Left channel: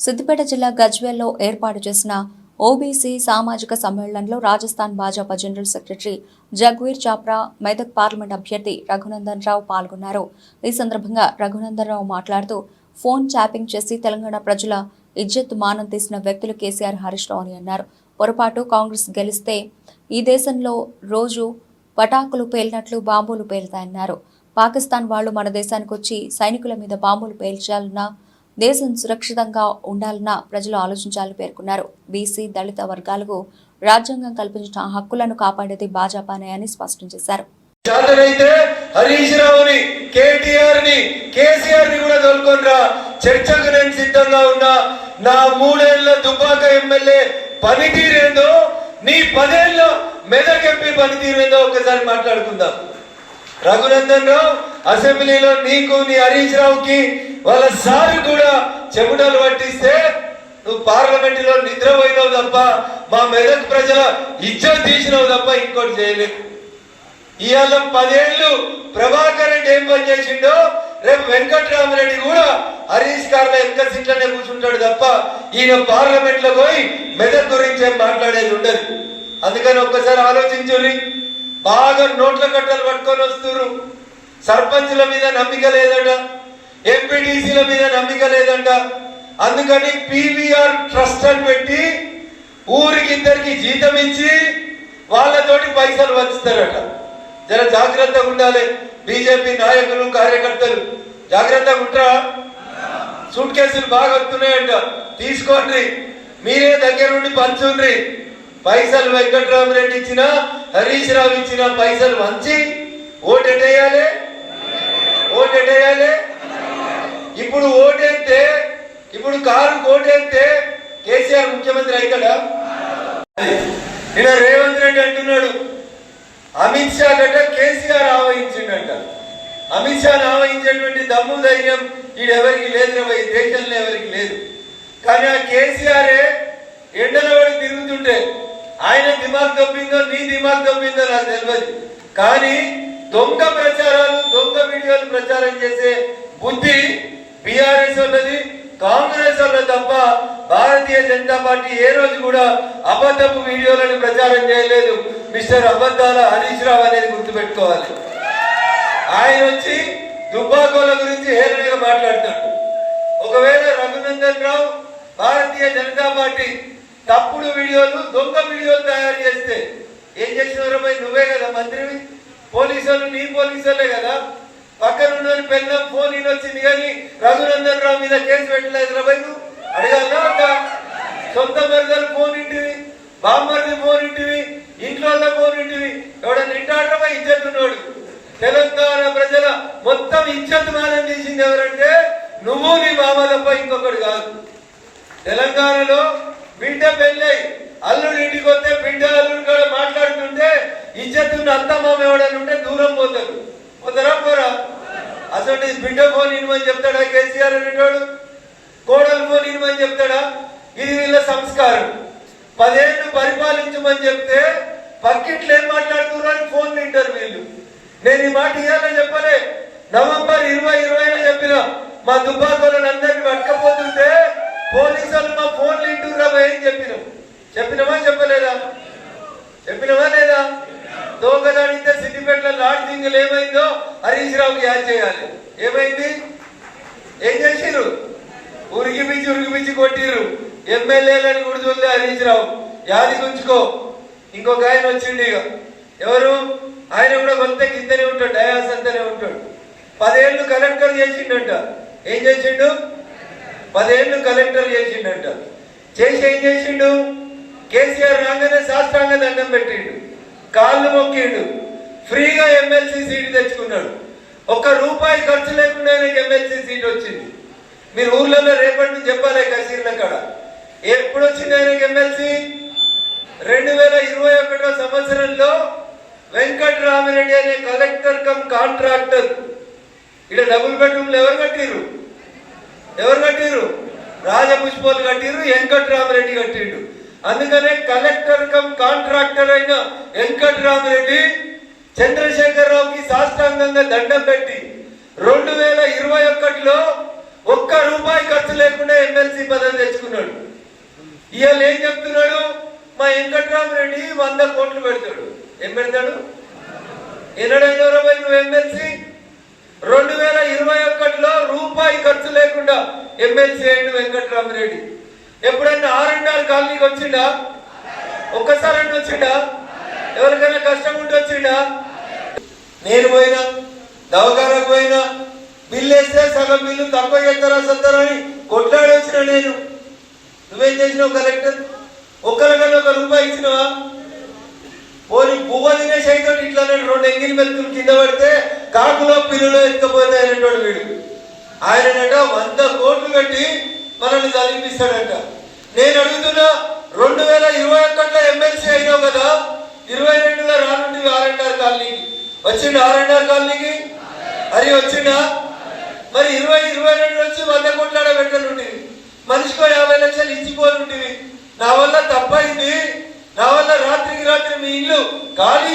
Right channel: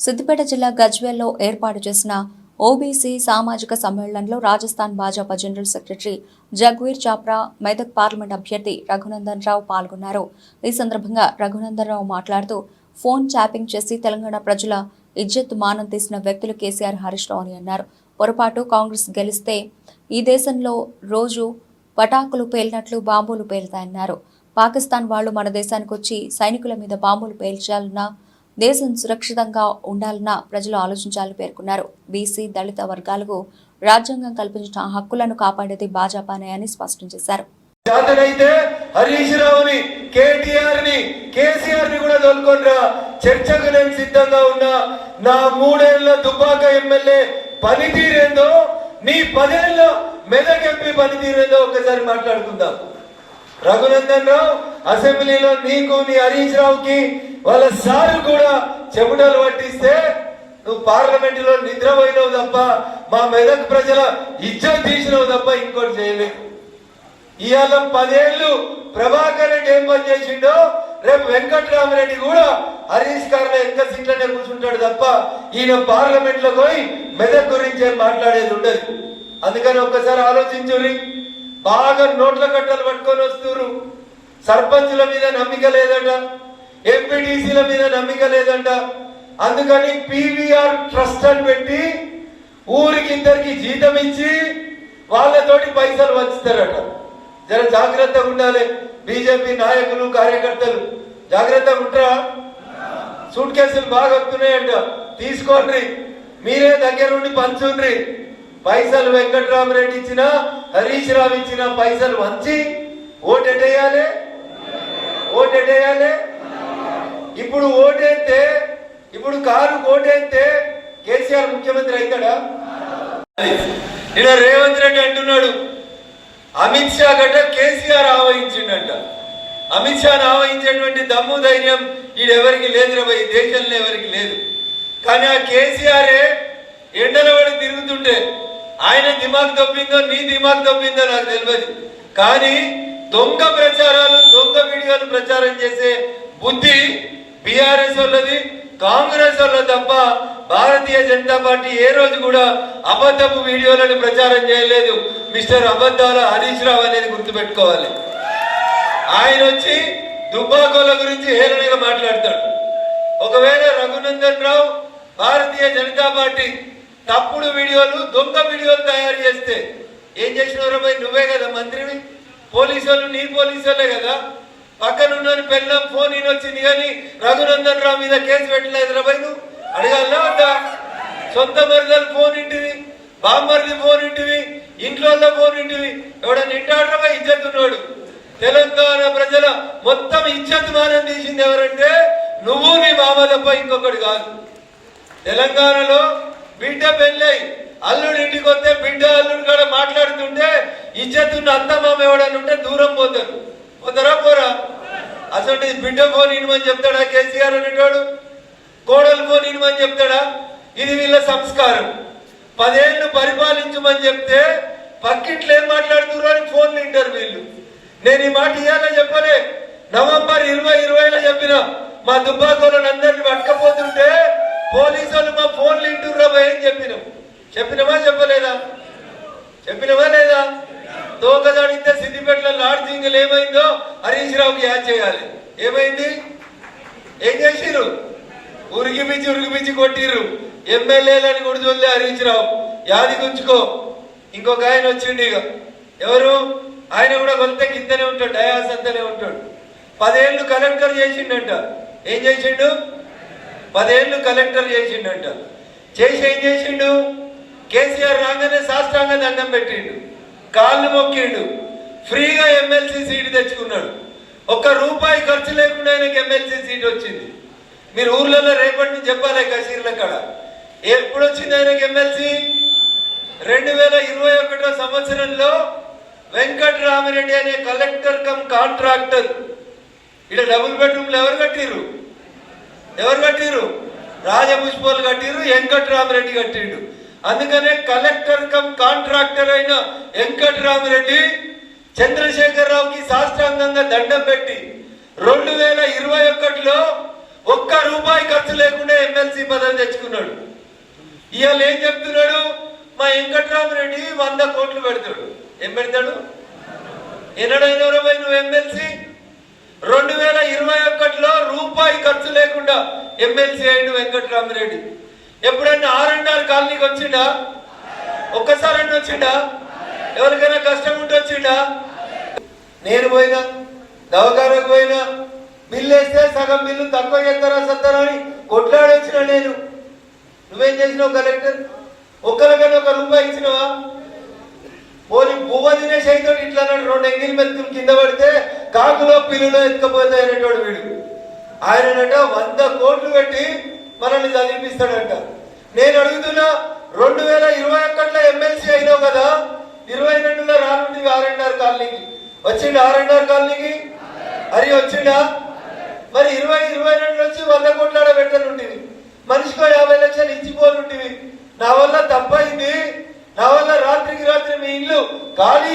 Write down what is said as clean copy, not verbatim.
సిద్దిపేట జిల్లా గజ్వేల్లో ఏర్పాటు చేసిన ఓబీసీ సామాజిక సమ్మేళనంలో Rajasthan Bhajapa general secretary Jagveer Chapra, Medak parliament అభ్యర్థి రఘునందన్ రావు పాల్గొన్నారు. ఈ సందర్భంగా రఘునందన్ రావు మాట్లాడుతూ ఫోన్ ట్యాపింగ్ చేసి తెలంగాణ ప్రజల ఇజ్జత్ మానం తీసిన వ్యక్తులు కేసీఆర్, హరీష్ రావు అని అన్నారు. పొరపాటు కాంగ్రెస్ గెలిస్తే ఈ దేశంలో రోజు పటాకులు పేలినట్లు బాంబులు పేలుతాయన్నారు. పాకిస్తాన్ వాళ్లు మన దేశానికి వచ్చి సైనికుల మీద బాంబులు పేల్చాలన్నా, దేశం సురక్షితంగా ఉండాలన్నా ప్రజలు ఆలోచించాలని పేర్కొన్నారు. బీసీ, దళిత వర్గాలకు రాజ్యాంగం కల్పించిన హక్కులను కాపాడేది భాజపానే అని స్పష్టం చేశారు. హరీష్ రావుని, కేటీఆర్ ని, కేసీఆర్ ని కూడా తోలుకొనిరా, చర్చకు నేను సిద్ధంగా ఉన్నా. నా 3 ఏళ్ల దుబ్బాక ఎమ్మెల్యే పనితీరేందో, నీ 10 ఏళ్ల మెదక్ ఎంపీ పనితీరేందో ఒకసారి మాట్లాడుకుందాం. రఘునందన్ రావు అసెంబ్లీలో నీకు, నీ హరీష్ రావుకి వాళ్ళ సార్ కూడా చెమటలు పట్టిస్తే నువ్వు పార్లమెంట్ లో నిద్రపోయినావు తప్ప, మా మెదక్ ప్రజల ఇజ్జత్ తీసినావు తప్ప ఇంకోటి చేయలేదు. ఇవాళ 10 ఏళ్లు ప్రభాకర్ రెడ్డి ఏం పని చేసిండో రేపు వెంకటరామరెడ్డి కూడా హరీష్ గారు ఎంత సీట్లనే కూర్చుంటాడు తప్ప ఈయన పార్లమెంట్ లో పోయి మెదక్ గురించి ఏం మాట్లాడేది ఉండదు. అందుకని ఒక్కసారి ఆలోచించుర్రి. బాగా నోట్ల కట్టలు పట్టుకొని వస్తున్నారు. సర్పంచ్ల మీద నమ్మిక లేదంట, ఎంపీటీసీల మీద నమ్మిక లేదంట. అందుకని పీవీఆర్ ట్రస్ట్ అని పెట్టి ఊరికి 2 జీతం ఇచ్చి వాళ్ళతోటి పైసలు వంచుతారట. జర జాగ్రత్తగా ఉండాలి. బీజేపీ నాయకులు, కార్యకర్తలు జాగ్రత్తగా ఉంటారా? సూట్ కేసులు బాగా వస్తున్నాయంట, తీసుకోండి. మీరే దగ్గర నుండి పంచుండ్రి. పైసలు వెంకటరామరెడ్డి ఇచ్చిన, హరీష్ రావు ఇచ్చిన పైసలు వంచి ఓటెట్టేయాలి. ఇప్పుడు ఓటేస్తే, ఇప్పుడు కారు ఓటేస్తే కేసీఆర్ ముఖ్యమంత్రి అవుతాడా? నిన్న రేవంత్ రెడ్డి అంటున్నాడు అమిత్ షా గట్ట కేసీఆర్ ఆవహించిండంట. అమిత్ షాను ఆవహించేటువంటి దమ్ము, ధైర్యం ఈడెవరికి లేదు, ఈ దేశంలో ఎవరికి లేదు. కానీ ఆ కేసీఆరే ఎండల వాడు తిరుగుతుంటే ఆయన దిమాగ్ తప్పిందో, నీ దిమాగ్ తప్పిందో నాకు తెలియదు. కానీ దొంగ ప్రచారాలు, దొంగ వీడియోలు ప్రచారం చేసే బుద్ధి బీఆర్ఎస్ వాళ్ళది, కాంగ్రెస్ వాళ్ళ తప్ప భారతీయ జనతా పార్టీ ఏ రోజు కూడా అబద్ధపు వీడియోలను ప్రచారం చేయలేదు. మిస్టర్ అబద్ధాల హరీష్ రావు అనేది గుర్తుపెట్టుకోవాలి. ఆయన వచ్చి దుబ్బాకోల గురించి హేళనగా మాట్లాడతాడు. ఒకవేళ రఘునందన్ రావు భారతీయ జనతా పార్టీ తప్పుడు వీడియోలు, దొంగ వీడియోలు తయారు చేస్తే ఏం చేసినారు? నువ్వే కదా మంత్రివి, పోలీసులు నీ పోలీసులే కదా. పక్కనున్న పెళ్ళం ఫోన్ వచ్చింది కానీ రఘునందన్ రావు మీద కేసు పెట్టలేదు. నువ్వు అడగాల? సొంత మరిదలు ఫోన్ ఇంటివి, బామ్మర్ది ఫోన్ ఇంటివి, ఇంట్లో ఫోన్ ఇంటివి. ఎవడన్నా ఇంటాడమా ఇజ్జతున్నాడు. తెలంగాణ ప్రజల మొత్తం ఇజ్జత్ మానం తీసింది ఎవరంటే నువ్వు, నీ మామ తప్ప ఇంకొకటి కాదు. తెలంగాణలో బిడ్డ పెళ్ళై అల్లుడు ఇంటికి వస్తే బిడ్డ అల్లుడు కూడా మాట్లాడుతుంటే ఇజ్జతున్న అత్త మామ ఎవడని ఉంటే దూరం పోతారు. పోతారా? పోరా? అసలు బిడ్డ ఫోన్ ఇనమని చెప్తాడా కేసీఆర్ అనేటోడు? కోడలు ఫోన్ ఇనమని చెప్తాడా? ఇది వీళ్ళ సంస్కారం. 10 ఏళ్ళు పరిపాలించమని చెప్తే పక్కిట్లు ఏం మాట్లాడుతున్నారు ఫోన్ వింటారు వీళ్ళు. నేను ఈ మాట ఇవ్వాలని చెప్పలే, నవంబర్ 2020లో చెప్పిన. మా దుబ్బాకోలను అందరినీ పట్టుకపోతుంటే పోలీసులు మా ఫోన్లు ఇంటురా ఏం చెప్పినవా చెప్పలేదా? లేదా? దోకదాడితే సిద్దిపేటలో లాడ్ సింగిల్ ఏమైందో హరీష్ రావుకి యాడ్ చేయాలి. ఏమైంది? ఏం చేసిర్రు? ఉరిగిపిచ్చి కొట్టిర్రు. ఎమ్మెల్యేలని కూడా చూడలే హరీష్ రావు. యాది గుంచుకో. ఇంకొక ఆయన వచ్చిండు. ఇక ఎవరు? ఆయన కూడా కొంత కిందనే ఉంటాడు, డయాస్ అంతనే ఉంటాడు. 10 ఏళ్ళు కలెక్టర్ చేసిండంట. ఏం చేసిండు? 10 ఏళ్ళు కలెక్టర్ చేసిండంట. చేసి ఏం చేసిండు? కేసీఆర్ రాగానే శాస్త్రాంగ దండం పెట్టిండు, కాళ్ళు మొక్కిండు, ఫ్రీగా ఎమ్మెల్సీ సీటు తెచ్చుకున్నాడు. 1 రూపాయి ఖర్చు లేకుండా నీకు ఎమ్మెల్సీ సీట్ వచ్చింది. మీరు ఊర్లలో రేపటి నుంచి చెప్పాలి కసీర్ల కాడ. ఎప్పుడు వచ్చింది ఆయనకి ఎమ్మెల్సీ? 2021 సంవత్సరంలో వెంకటరామరెడ్డి అనే కలెక్టర్ కమ్ కాంట్రాక్టర్ ఇక్కడ డబుల్ బెడ్రూమ్లు ఎవరు కట్టిరు? రాజపుష్పాలు కట్టిరు, వెంకటరామరెడ్డి కట్టిండు. అందుకనే కలెక్టర్ కమ్ కాంట్రాక్టర్ అయిన వెంకటరామరెడ్డి చంద్రశేఖరరావుకి సాష్టాంగంగా దండం పెట్టి 2021లో ఒక్క రూపాయి ఖర్చు లేకుండా ఎమ్మెల్సీ పదవి తెచ్చుకున్నాడు. ఇవాళ ఏం చెప్తున్నాడు? మా వెంకట్రామరెడ్డి 100 కోట్లు పెడతాడు. ఏం పెడతాడు? ఎన్నడైనా నువ్వు ఎమ్మెల్సీ 2021లో రూపాయి ఖర్చు లేకుండా ఎమ్మెల్సీ అయిండు వెంకట్రామరెడ్డి. ఎప్పుడైనా R&R కాలనీకి వచ్చిండా? ఒక్కసారి అంటే వచ్చిండా? ఎవరికైనా కష్టం ఉంటే వచ్చిండా? నేను పోయినా, దవాఖానకు పోయినా, బిల్లు వేస్తే సగం బిల్లు తక్కువ చేస్తారా సత్తారని కొట్లాడి వచ్చిన నేను. నువ్వేం చేసినావు కలెక్టర్? ఒక్కరికైనా 1 రూపాయి ఇచ్చినావా? పోనీ పువ్వ తినేసి అయితే ఇట్లా 2 ఎంగిల్ మెతుకులు కింద పడితే కాకులో పిల్లులో ఎత్తుకపోతే అనేటోడు వీడు. ఆయనంట 100 కోట్లు పెట్టి మనల్ని చదివిపిస్తాడంట. నేను అడుగుతున్నా, 2021లో ఎమ్మెల్సీ అయినావు కదా, 22లో రానుండి R&R కాలనీకి వచ్చిండు. R&R కాలనీకి అది వచ్చిండా? మరి 2022 వచ్చి 100 కోట్ల పెట్టనుంటివి, మనిషికో 50 లక్షలు ఇచ్చిపోనుంటివి. నా వల్ల తప్పైంది, నా వల్ల రాత్రికి రాత్రి మీ ఇల్లు ఖాళీ